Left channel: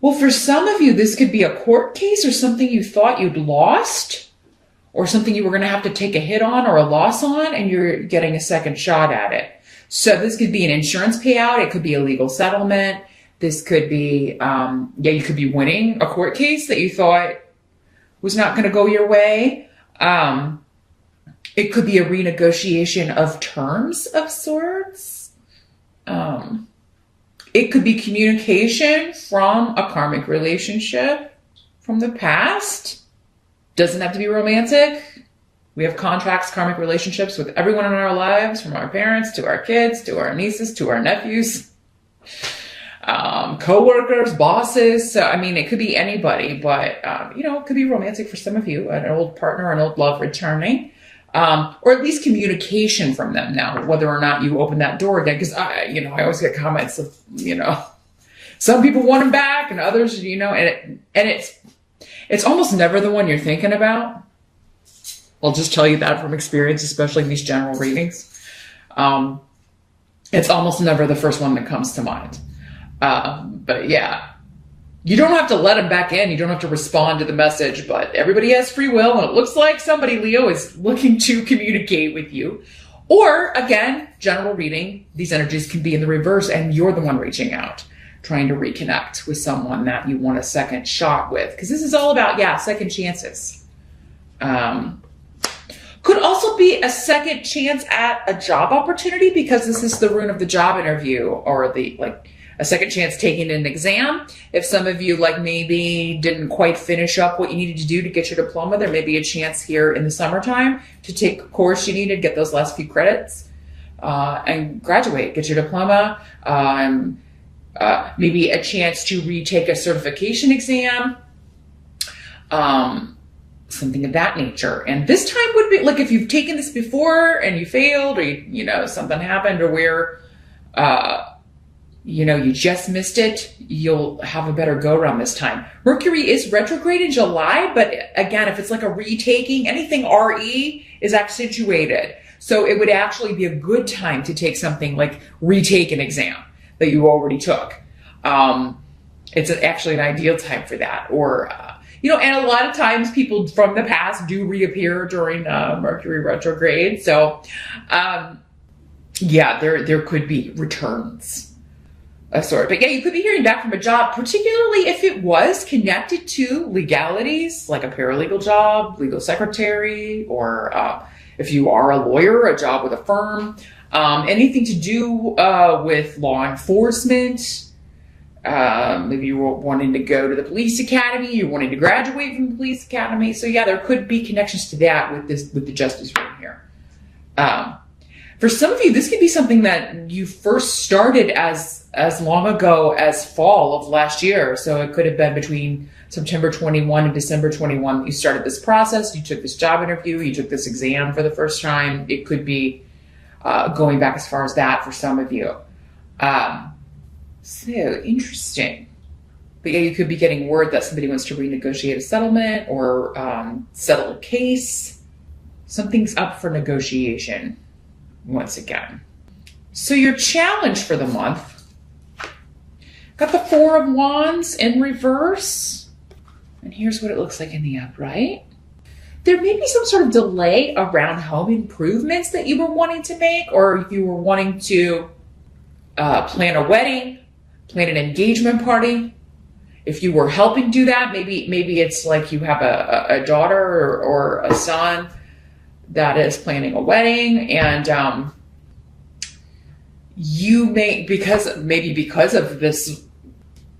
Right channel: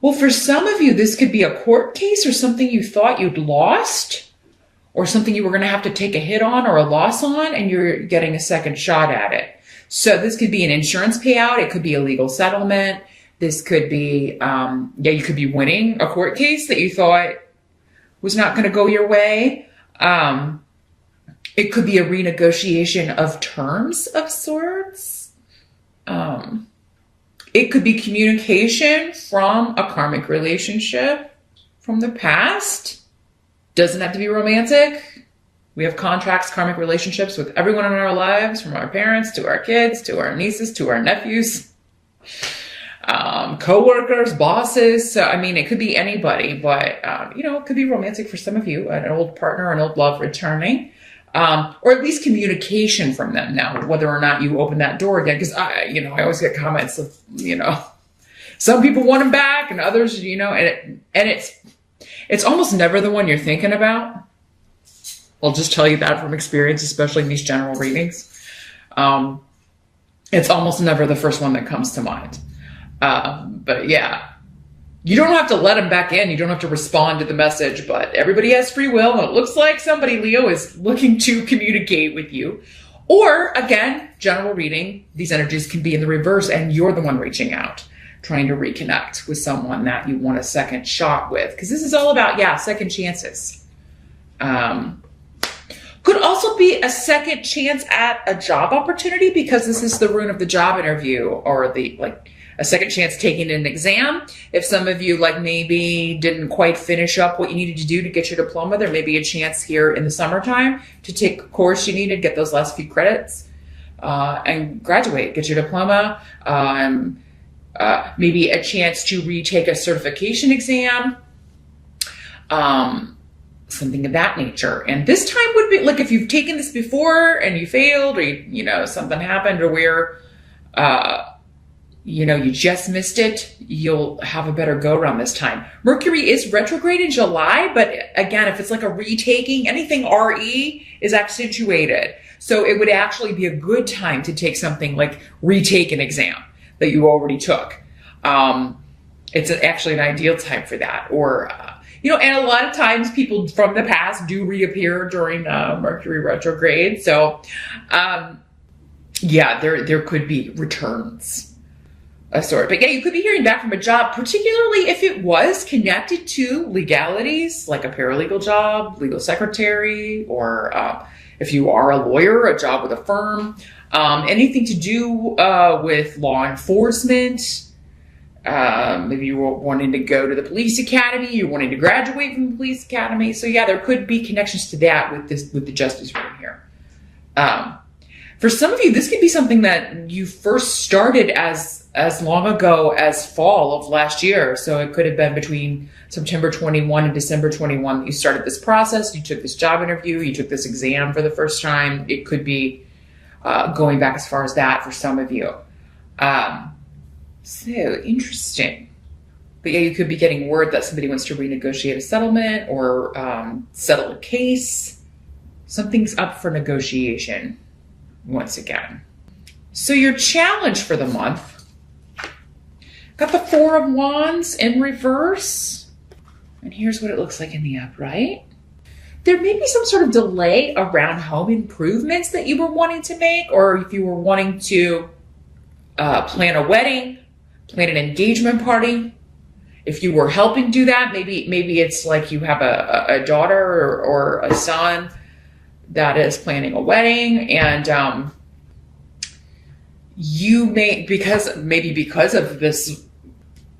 Well, for some of you, this could be a court case or something you thought you'd lost, or something you were going to have to take a hit on or a loss on, and you're getting a second shot at it. So this could be an insurance payout. It could be a legal settlement. This could be, you could be winning a court case that you thought was not going to go your way. It could be a renegotiation of terms of sorts. It could be communication from a karmic relationship from the past. Doesn't have to be romantic. We have contracts, karmic relationships with everyone in our lives, from our parents to our kids, to our nieces, to our nephews, co-workers, bosses. So, I mean, it could be anybody, but, it could be romantic for some of you, an old partner, an old love returning. Or at least communication from them now, whether or not you open that door again. Because I always get comments of, some people want him back and others, and it's almost never the one you're thinking about. I'll just tell you that from experience, especially in these general readings. It's almost never the first one that comes to mind. But yeah. You don't have to let him back in. You don't have to respond to the message, but everybody has free will. It looks like somebody, Leo, is looking to communicate with you. Or, again, general reading, these energies can be in the reverse, and you're the one reaching out, trying to reconnect with someone that you want a second shot with. Because this is all about, second chances. Could also be a second chance at a job opportunity, because this is the rune of the job interview, or a second chance taking an exam. If some of you maybe didn't quite finish up what you needed to do to get your diploma, there may be a chance here in the summertime to take a course you need and get those last few credits and graduate, get your diploma. Maybe a chance to retake a certification exam, something of that nature. And this time would be if you've taken this before and you failed, or something happened, or where you just missed it, you'll have a better go around this time. Mercury is retrograde in July, but again, if it's like a retaking, anything RE is accentuated. So it would actually be a good time to take something like retake an exam that you already took. It's actually an ideal time for that. Or, and a lot of times people from the past do reappear during Mercury retrograde. So, there could be returns. A sort. But you could be hearing back from a job, particularly if it was connected to legalities, like a paralegal job, legal secretary, or if you are a lawyer, a job with a firm, anything to do with law enforcement. Maybe you were wanting to go to the police academy, you're wanting to graduate from the police academy. So there could be connections to that with the justice right here. For some of you, this could be something that you first started as long ago as fall of last year. So it could have been between September 21 and December 21 that you started this process. You took this job interview. You took this exam for the first time. It could be going back as far as that for some of you. So interesting. But you could be getting word that somebody wants to renegotiate a settlement or settle a case. Something's up for negotiation. Once again. So your challenge for the month, got the Four of Wands in reverse. And here's what it looks like in the upright. There may be some sort of delay around home improvements that you were wanting to make, or if you were wanting to plan a wedding, plan an engagement party. If you were helping do that, maybe it's like you have a daughter or a son that is planning a wedding, and you may, because of this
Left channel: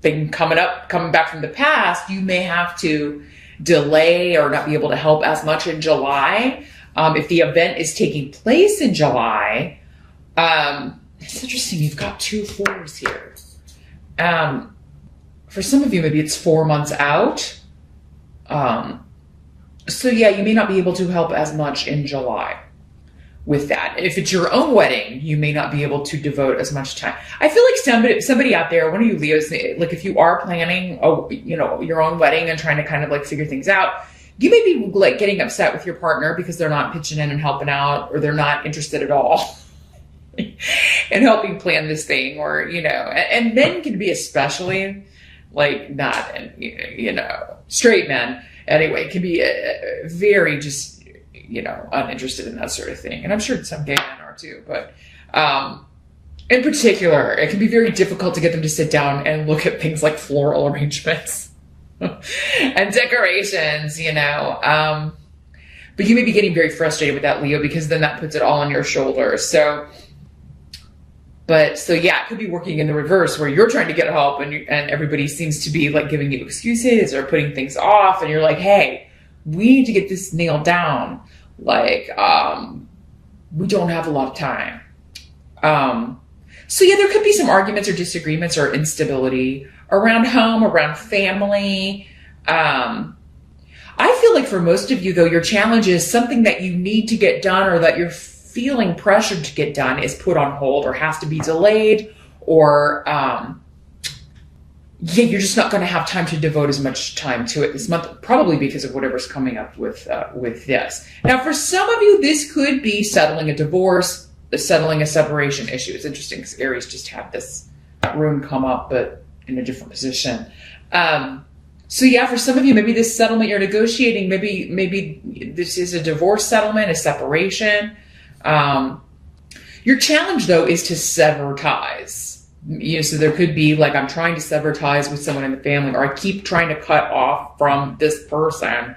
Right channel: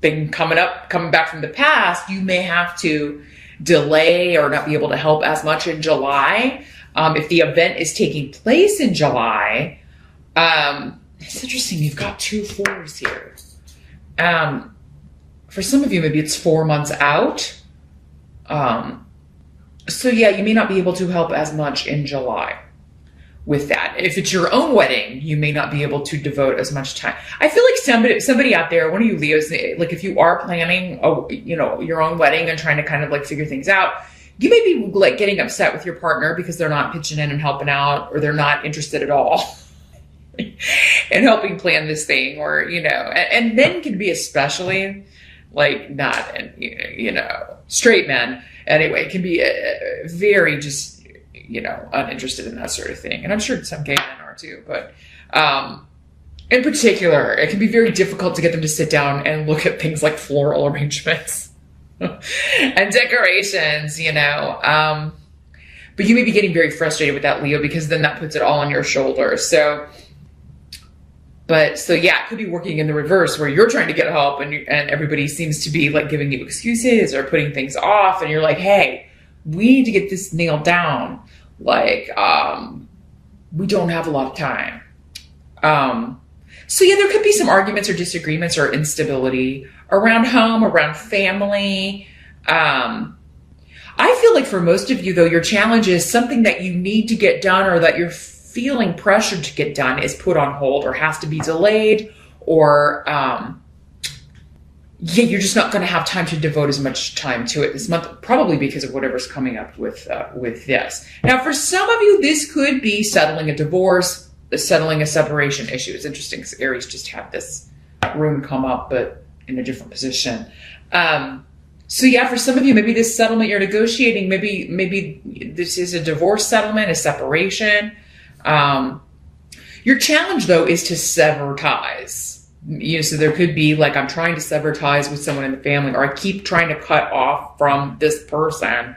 thing coming back from the past, you may have to delay or not be able to help as much in July. If the event is taking place in July, it's interesting. You've got 2 4s here. For some of you, maybe it's 4 months out. So you may not be able to help as much in July with that. If it's your own wedding, you may not be able to devote as much time. I feel like somebody out there, one of you Leos, if you are planning, your own wedding and trying to kind of figure things out, you may be getting upset with your partner because they're not pitching in and helping out, or they're not interested at all in helping plan this thing, or, and men can be especially like not, straight men. Anyway, can be very just, uninterested in that sort of thing. And I'm sure some gay men are too, but in particular, it can be very difficult to get them to sit down and look at things like floral arrangements and decorations, but you may be getting very frustrated with that, Leo, because then that puts it all on your shoulders. So yeah, it could be working in the reverse where you're trying to get help and everybody seems to be like giving you excuses or putting things off. And you're like, hey, we need to get this nailed down. Like, we don't have a lot of time. So yeah, there could be some arguments or disagreements or instability around home, around family. I feel like for most of you, though, your challenge is something that you need to get done or that you're feeling pressured to get done is put on hold or has to be delayed, or you're just not going to have time to devote as much time to it this month, probably because of whatever's coming up with this. Now, for some of you, this could be settling a divorce, settling a separation issue. It's interesting because Aries just had this rune come up, but in a different position. So yeah, for some of you, maybe this settlement you're negotiating, maybe this is a divorce settlement, a separation. Your challenge, though, is to sever ties. So there could be like, I'm trying to sever ties with someone in the family, or I keep trying to cut off from this person,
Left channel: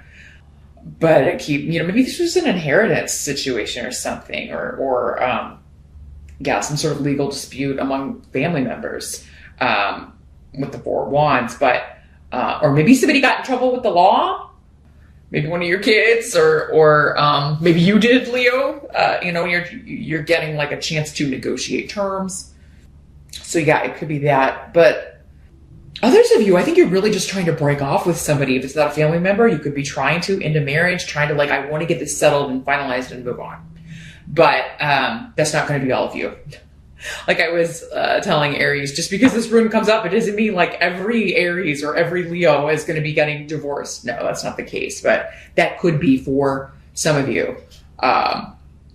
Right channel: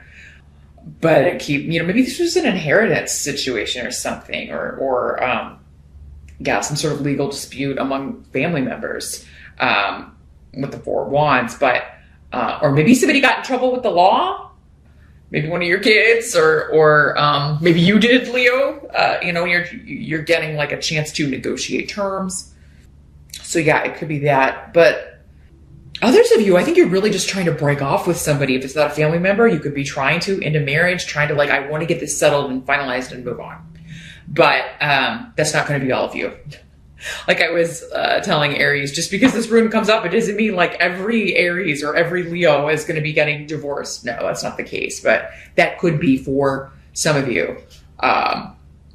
but I keep, maybe this was an inheritance situation or something, or some sort of legal dispute among family members, with the Four of Wands, but, or maybe somebody got in trouble with the law. Maybe one of your kids, or maybe you did, Leo. You're getting like a chance to negotiate terms. So yeah, it could be that. But others of you, I think you're really just trying to break off with somebody. If it's not a family member, you could be trying to end a marriage, trying to like, I want to get this settled and finalized and move on. But that's not going to be all of you. Like I was telling Aries, just because this rune comes up, it doesn't mean like every Aries or every Leo is going to be getting divorced. No, that's not the case. But that could be for some of you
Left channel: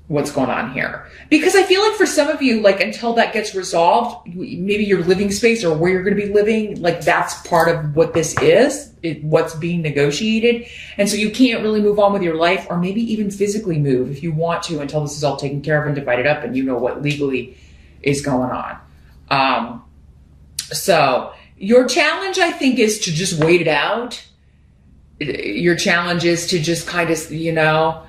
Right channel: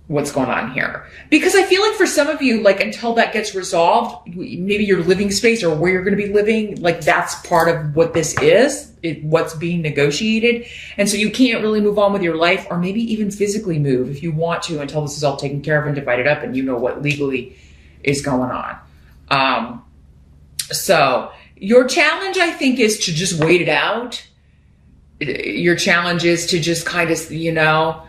what's going on here. Because I feel like for some of you, like until that gets resolved, maybe your living space or where you're going to be living, like that's part of what this is, what's being negotiated. And so you can't really move on with your life, or maybe even physically move if you want to, until this is all taken care of and divided up and you know what legally is going on. So your challenge, I think, is to just wait it out. Your challenge is to just kind of,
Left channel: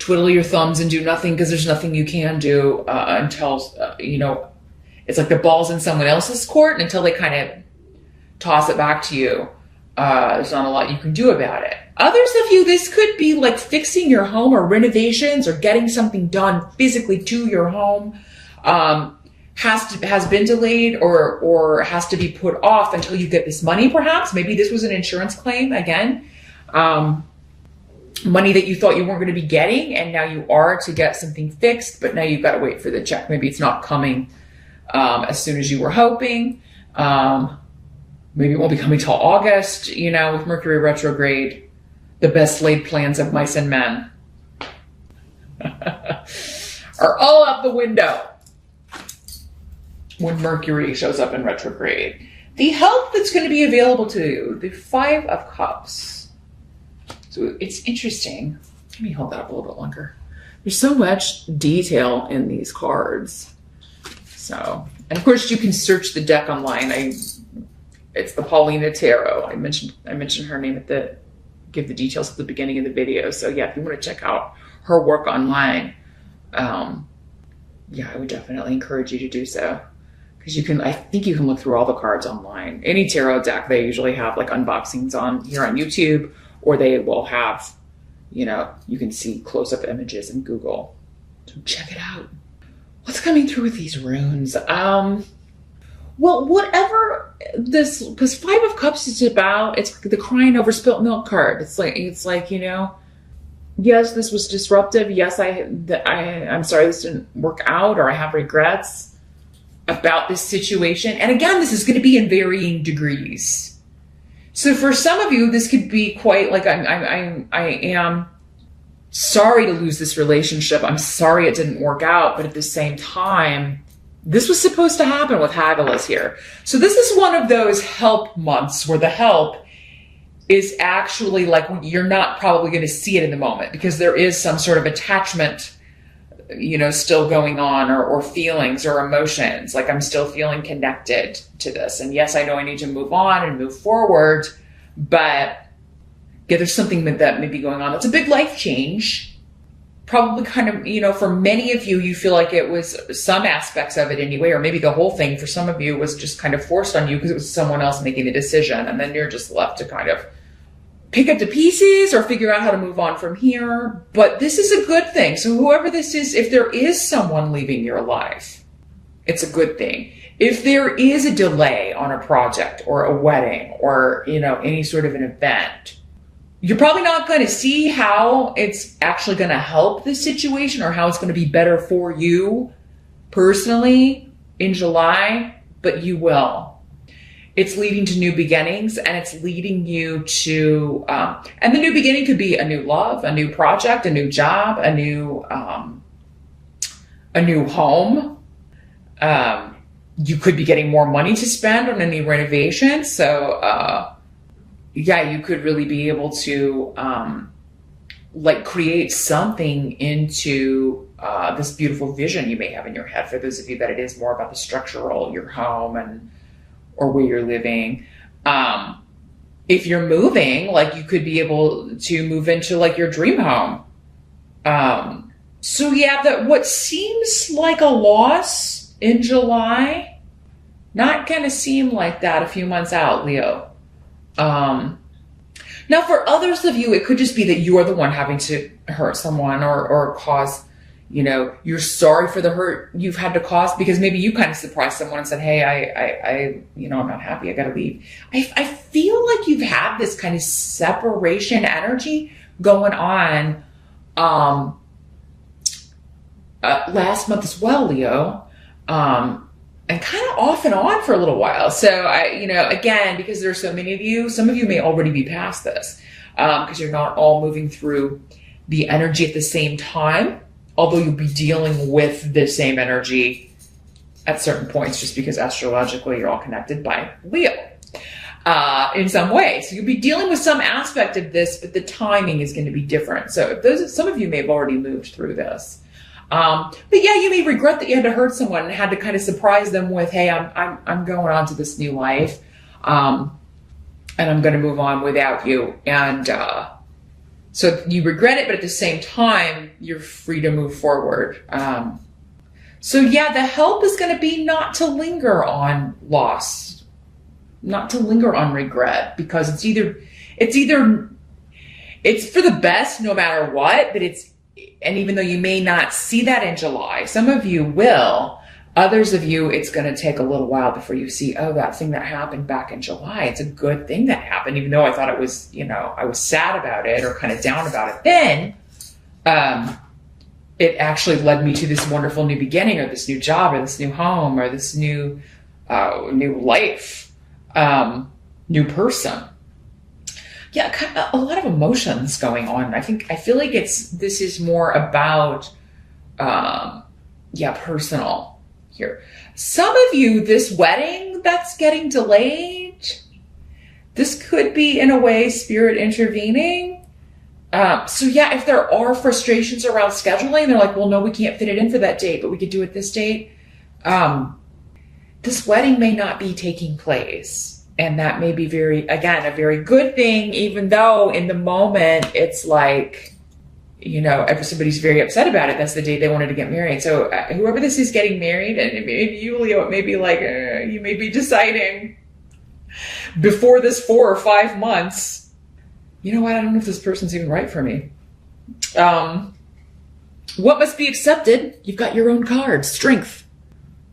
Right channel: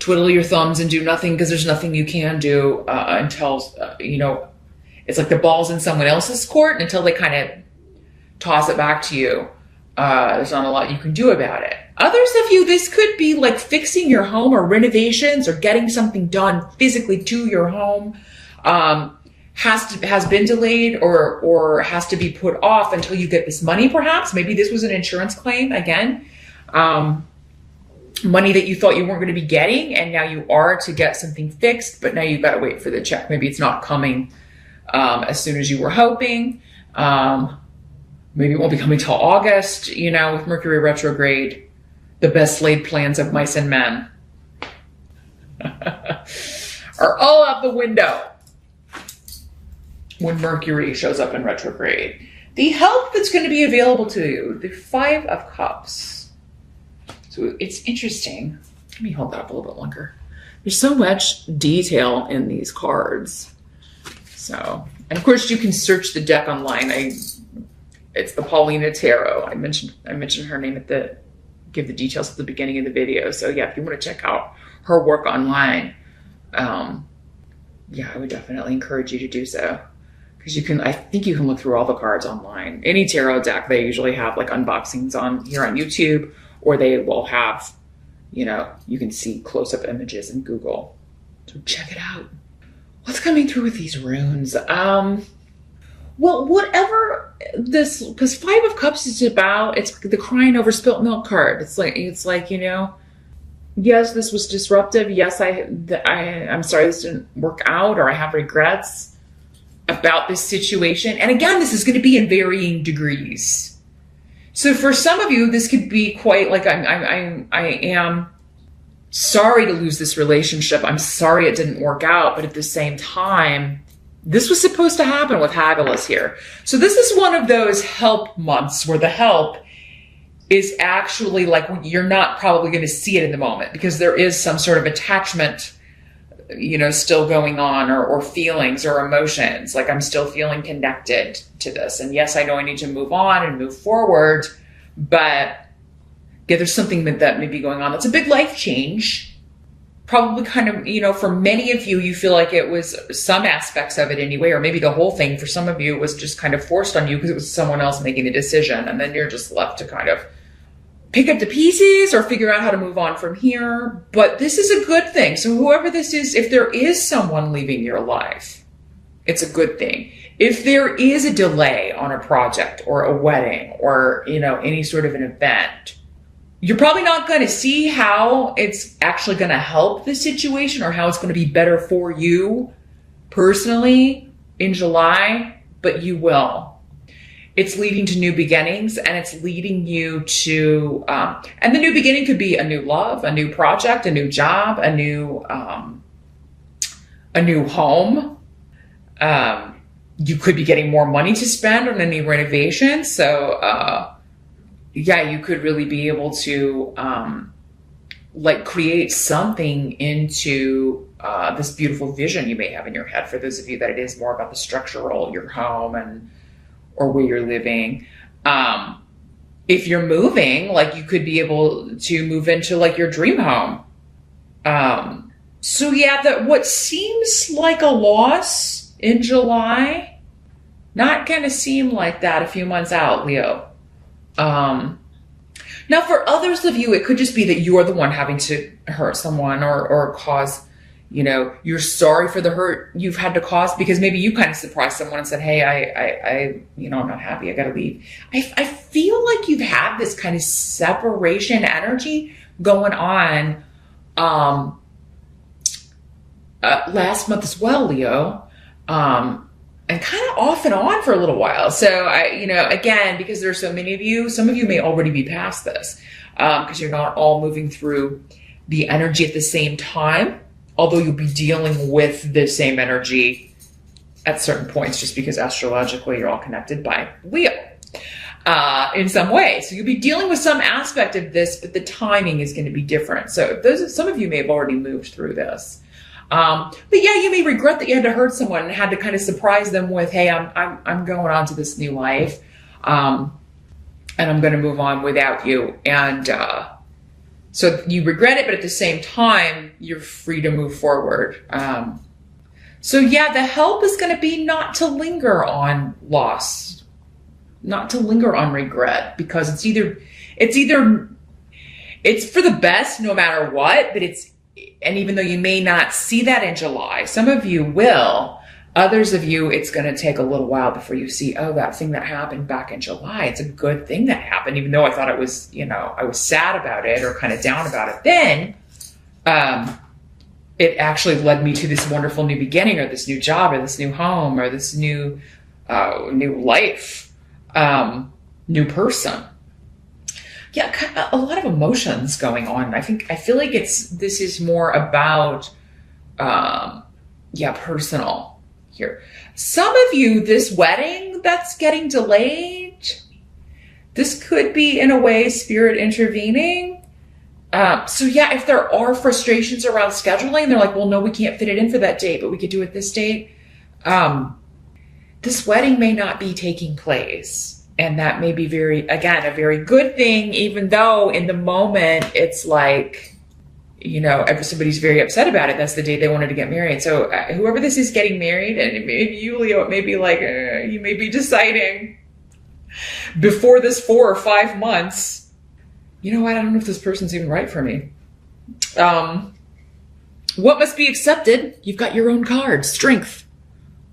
twiddle your thumbs and do nothing, because there's nothing you can do until, it's like the ball's in someone else's court, and until they kind of toss it back to you, there's not a lot you can do about it. Others of you, this could be like fixing your home or renovations or getting something done physically to your home. Has been delayed or has to be put off until you get this money, perhaps. Maybe this was an insurance claim again. Money that you thought you weren't going to be getting, and now you are to get something fixed, but now you've got to wait for the check. Maybe it's not coming as soon as you were hoping. Maybe it won't be coming till August, with Mercury retrograde. The best laid plans of mice and men are all out the window when Mercury shows up in retrograde. The help that's going to be available to you, the Five of Cups. So it's interesting. Let me hold that up a little bit longer. There's so much detail in these cards. So, and of course you can search the deck online. It's the Paulina Tarot. I mentioned her name give the details at the beginning of the video. So yeah, if you want to check out her work online, I would definitely encourage you to do so. Because I think you can look through all the cards online. Any tarot deck, they usually have like unboxings here on YouTube, or they will have, you can see close-up images in Google. So check it out. What's coming through with these runes? Well, whatever this Five of Cups is about, it's the crying over spilt milk card. It's like, yes, this was disruptive. Yes, I'm sorry this didn't work out, or I have regrets about this situation. And again, this is going to be in varying degrees. So for some of you, this could be quite like, I am sorry to lose this relationship. I'm sorry it didn't work out. But at the same time, This was supposed to happen with Hagulus here. So this is one of those help months where the help is actually like when you're not probably going to see it in the moment because there is some sort of attachment, you know, still going on, or feelings or emotions. Like I'm still feeling connected to this. And yes, I know I need to move on and move forward, but yeah, there's something that may be going on. It's a big life change. Probably kind of, you know, for many of you, you feel like it was some aspects of it anyway, or maybe the whole thing. For some of you, it was just kind of forced on you because it was someone else making the decision. And then you're just left to kind of pick up the pieces or figure out how to move on from here. But this is a good thing. So whoever this is, if there is someone leaving your life, it's a good thing. If there is a delay on a project or a wedding or, you know, any sort of an event, you're probably not going to see how it's actually going to help the situation or how it's going to be better for you personally in July, but you will. It's leading to new beginnings, and it's leading you to, and the new beginning could be a new love, a new project, a new job, a new home. You could be getting more money to spend on a new renovation. So, yeah, you could really be able to like create something into this beautiful vision you may have in your head. For those of you that it is more about the structural, your home and or where you're living. If you're moving, like you could be able to move into like your dream home. So yeah, that what seems like a loss in July, not gonna seem like that a few months out, Leo. Now for others of you, it could just be that you're the one having to hurt someone or cause, you know, you're sorry for the hurt you've had to cause because maybe you kind of surprised someone and said, hey, I you know, I'm not happy. I got to leave. I feel like you've had this kind of separation energy going on, last month as well, Leo. And kind of off and on for a little while. So you know, again, because there's so many of you, some of you may already be past this, because you're not all moving through the energy at the same time, although you'll be dealing with the same energy at certain points, just because astrologically you're all connected by Leo, in some way. So you'll be dealing with some aspect of this, but the timing is going to be different. So some of you may have already moved through this. But yeah, you may regret that you had to hurt someone and had to kind of surprise them with, hey, I'm going on to this new life. And I'm going to move on without you. And, so you regret it, but at the same time, you're free to move forward. So yeah, the help is going to be not to linger on loss, not to linger on regret, because it's for the best no matter what, but and even though you may not see that in July, some of you will, others of you, it's going to take a little while before you see, oh, that thing that happened back in July, it's a good thing that happened, even though I thought it was, you know, I was sad about it or kind of down about it. Then it actually led me to this wonderful new beginning or this new job or this new home or this new life, new person. Yeah, kind of a lot of emotions going on. I feel like this is more about, personal here. Some of you, this wedding that's getting delayed, this could be in a way spirit intervening. So yeah, if there are frustrations around scheduling, they're like, well, no, we can't fit it in for that date, but we could do it this date. This wedding may not be taking place. And that may be a very good thing, even though in the moment it's like, you know, everybody's very upset about it. That's the day they wanted to get married. So whoever this is getting married, and if you, Leo, it may be like, you may be deciding before this 4 or 5 months, you know what, I don't know if this person's even right for me. What must be accepted? You've got your own card, Strength.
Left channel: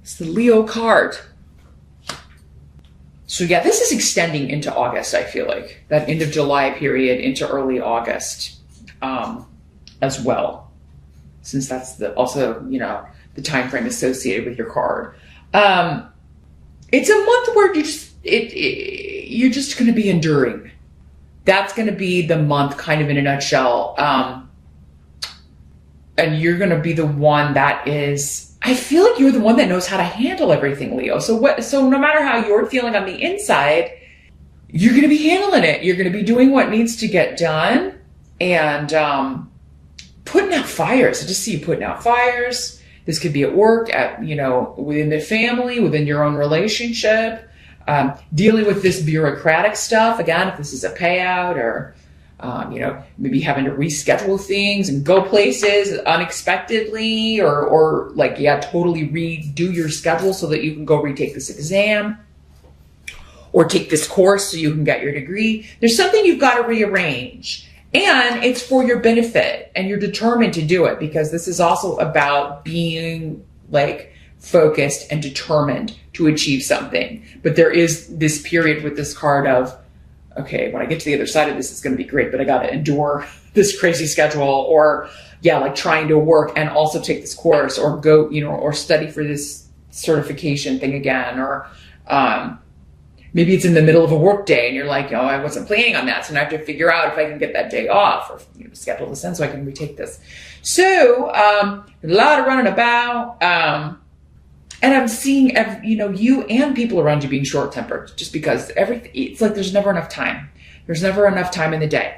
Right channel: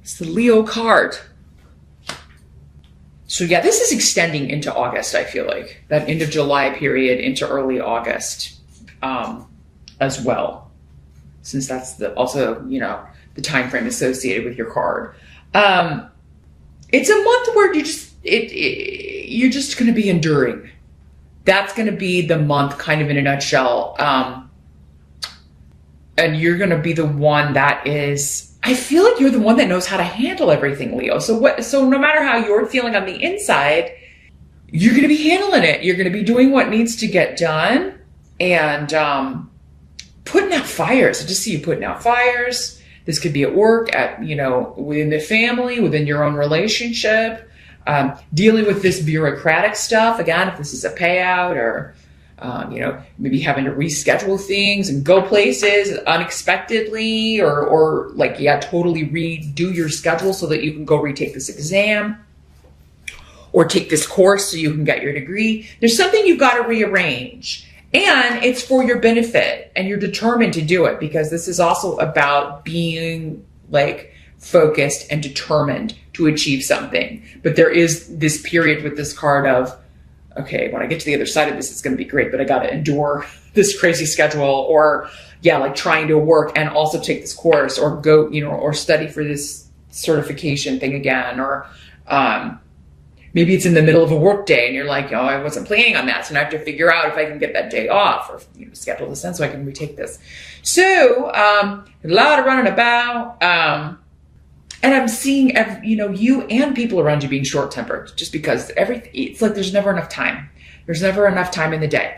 It's the Leo card. So yeah, this is extending into August, I feel like. That end of July period into early August as well. Since that's also, you know, the time frame associated with your card. It's a month where you're just going to be enduring. That's going to be the month kind of in a nutshell. And you're going to be the one that is I feel like you're the one that knows how to handle everything, Leo. So no matter how you're feeling on the inside, you're going to be handling it. You're going to be doing what needs to get done and putting out fires. I just see you putting out fires. This could be at work, within the family, within your own relationship, dealing with this bureaucratic stuff. Again, if this is a payout or, maybe having to reschedule things and go places unexpectedly or totally redo your schedule so that you can go retake this exam or take this course so you can get your degree. There's something you've got to rearrange. And it's for your benefit and you're determined to do it because this is also about being focused and determined to achieve something. But there is this period with this card of, okay, when I get to the other side of this, it's going to be great, but I got to endure this crazy schedule or trying to work and also take this course or go, or study for this certification thing again, or, maybe it's in the middle of a work day and you're like, oh, I wasn't planning on that. So now I have to figure out if I can get that day off or schedule this in so I can retake this. So a lot of running about. And I'm seeing, you and people around you being short-tempered just because it's like there's never enough time. There's never enough time in the day.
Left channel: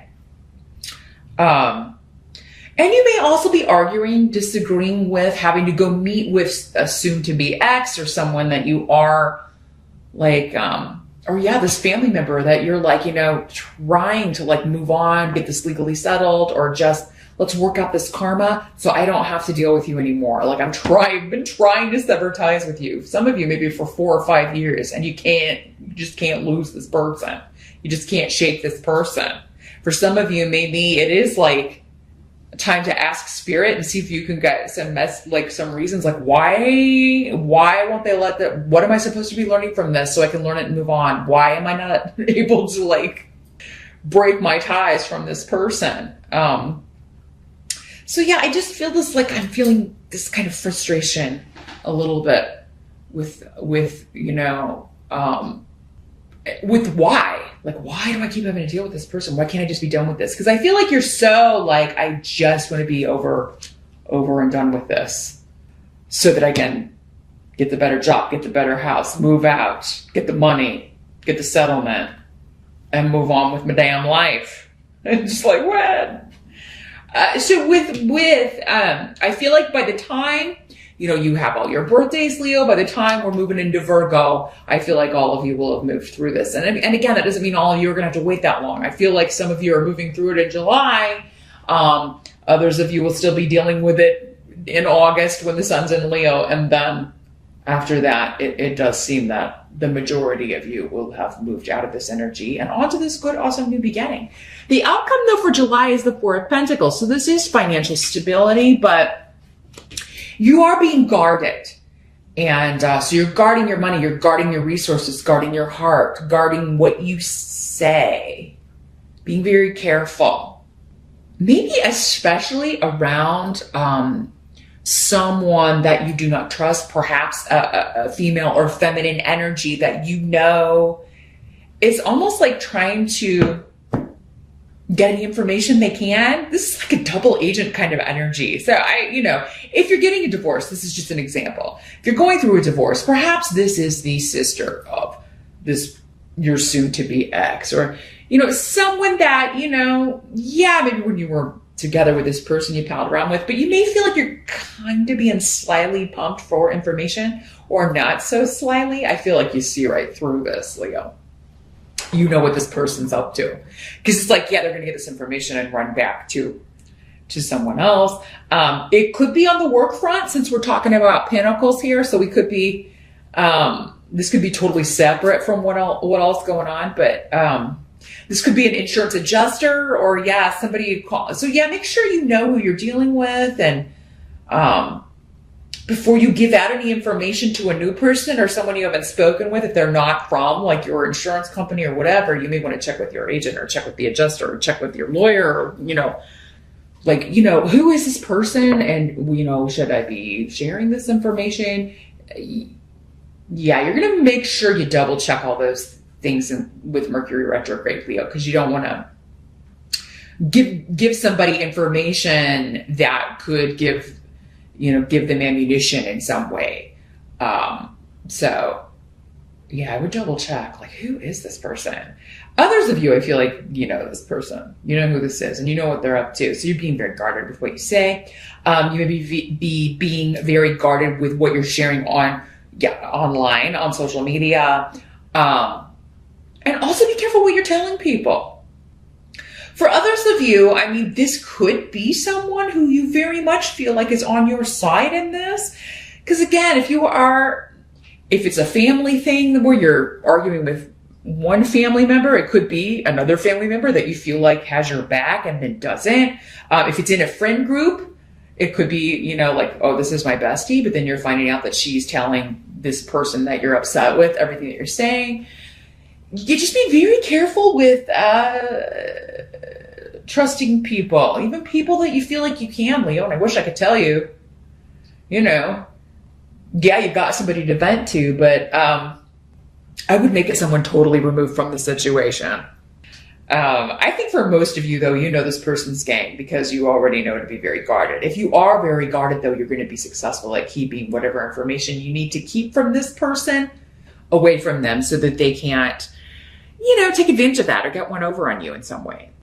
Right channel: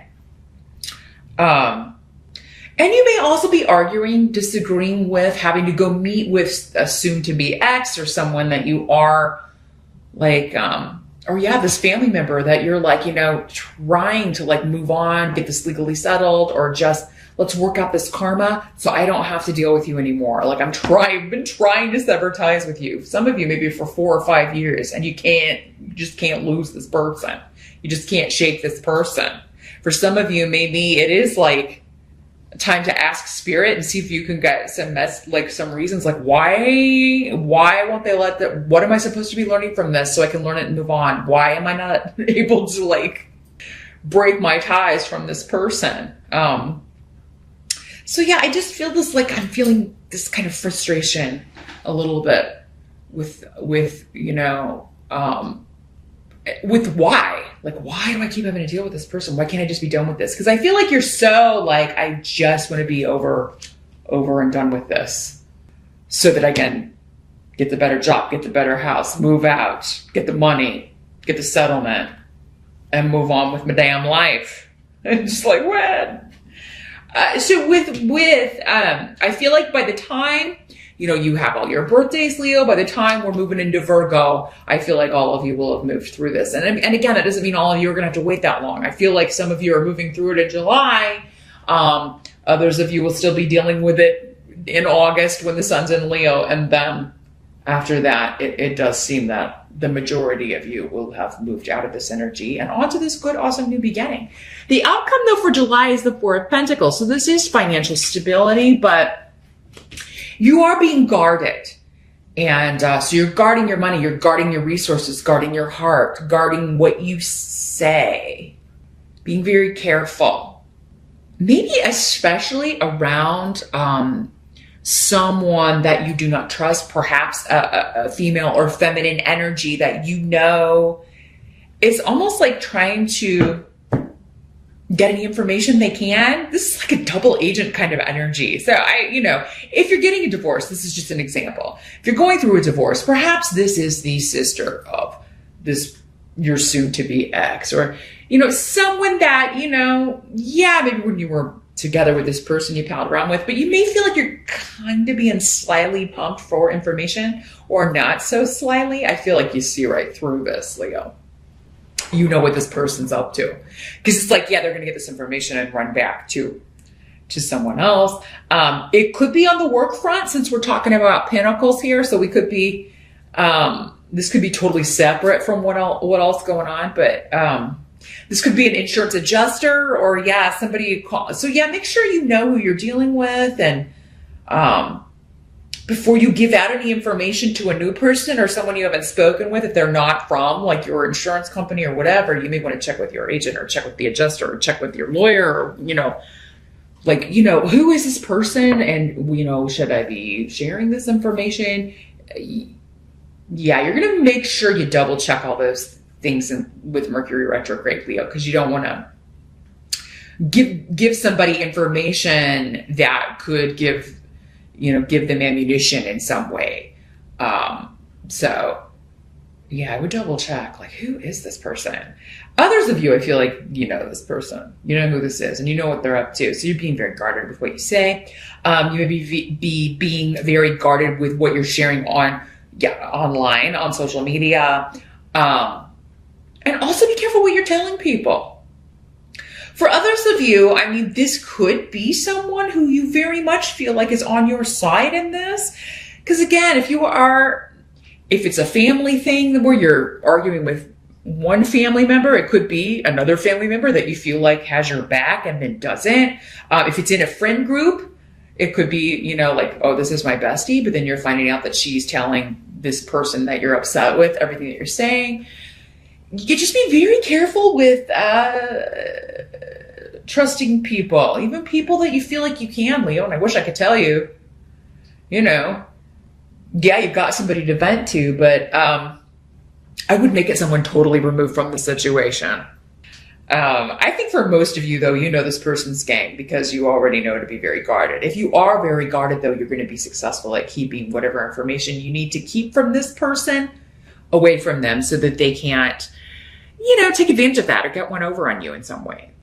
And you may also be arguing, disagreeing with, having to go meet with a soon-to-be ex or someone that you are this family member that you're trying to move on, get this legally settled, or just let's work out this karma so I don't have to deal with you anymore. I've been trying to sever ties with you. Some of you maybe for 4 or 5 years and you just can't lose this person. You just can't shake this person. For some of you, maybe it is time to ask spirit and see if you can get some reasons why won't they let that, what am I supposed to be learning from this so I can learn it and move on? Why am I not able to break my ties from this person? So yeah, I just feel this, I'm feeling this kind of frustration a little bit with why. Why do I keep having to deal with this person? Why can't I just be done with this? Because I feel like you're so I just want to be over and done with this so that I can get the better job, get the better house, move out, get the money, get the settlement, and move on with my damn life. It's just when? So I feel like by the time, you have all your birthdays, Leo, by the time we're moving into Virgo, I feel like all of you will have moved through this. And again, that doesn't mean all of you are going to have to wait that long. I feel like some of you are moving through it in July. Others of you will still be dealing with it in August when the sun's in Leo. And then after that, it does seem that the majority of you will have moved out of this energy and onto this good, awesome new beginning. The outcome, though, for July is the Four of Pentacles. So this is financial stability, but you are being guarded. And so you're guarding your money, you're guarding your resources, guarding your heart, guarding what you say, being very careful. Maybe especially around someone that you do not trust, perhaps a female or feminine energy that is almost like trying to get any information they can. This is a double agent kind of energy. So if you're getting a divorce, this is just an example. If you're going through a divorce, perhaps this is the sister of your soon-to-be ex, or, someone that, maybe when you were together with this person you palled around with, but you may feel like you're kind of being slyly pumped for information or not so slyly. I feel like you see right through this, Leo. You know what this person's up to. Because it's they're going to get this information and run back to someone else. It could be on the work front since we're talking about pentacles here. So we could be, this could be totally separate from what else going on. But this could be an insurance adjuster or, somebody you call. So, make sure you know who you're dealing with. And before you give out any information to a new person or someone you haven't spoken with, if they're not from your insurance company or whatever, you may want to check with your agent or check with the adjuster or check with your lawyer or, who is this person? And, should I be sharing this information? Yeah, you're going to make sure you double check all those things with Mercury retrograde, Leo, because you don't want to give somebody information that could give give them ammunition in some way. So yeah, I would double check, like, who is this person? Others of you, I feel like you know this person. You know who this is, and you know what they're up to. So you're being very guarded with what you say. You may be being very guarded with what you're sharing online, on social media. And also be careful what you're telling people. For others of you, I mean, this could be someone who you very much feel like is on your side in this. Because again, if it's a family thing where you're arguing with one family member, it could be another family member that you feel like has your back and then doesn't. If it's in a friend group, it could be, like, oh, this is my bestie, but then you're finding out that she's telling this person that you're upset with everything that you're saying. You just be very careful with trusting people, even people that you feel like you can, Leo. And I wish I could tell you, yeah, you've got somebody to vent to, but I would make it someone totally removed from the situation. I think for most of you, though, this person's game because you already know to be very guarded. If you are very guarded, though, you're going to be successful at keeping whatever information you need to keep from this person away from them so that they can't, take advantage of that or get one over on you in some way.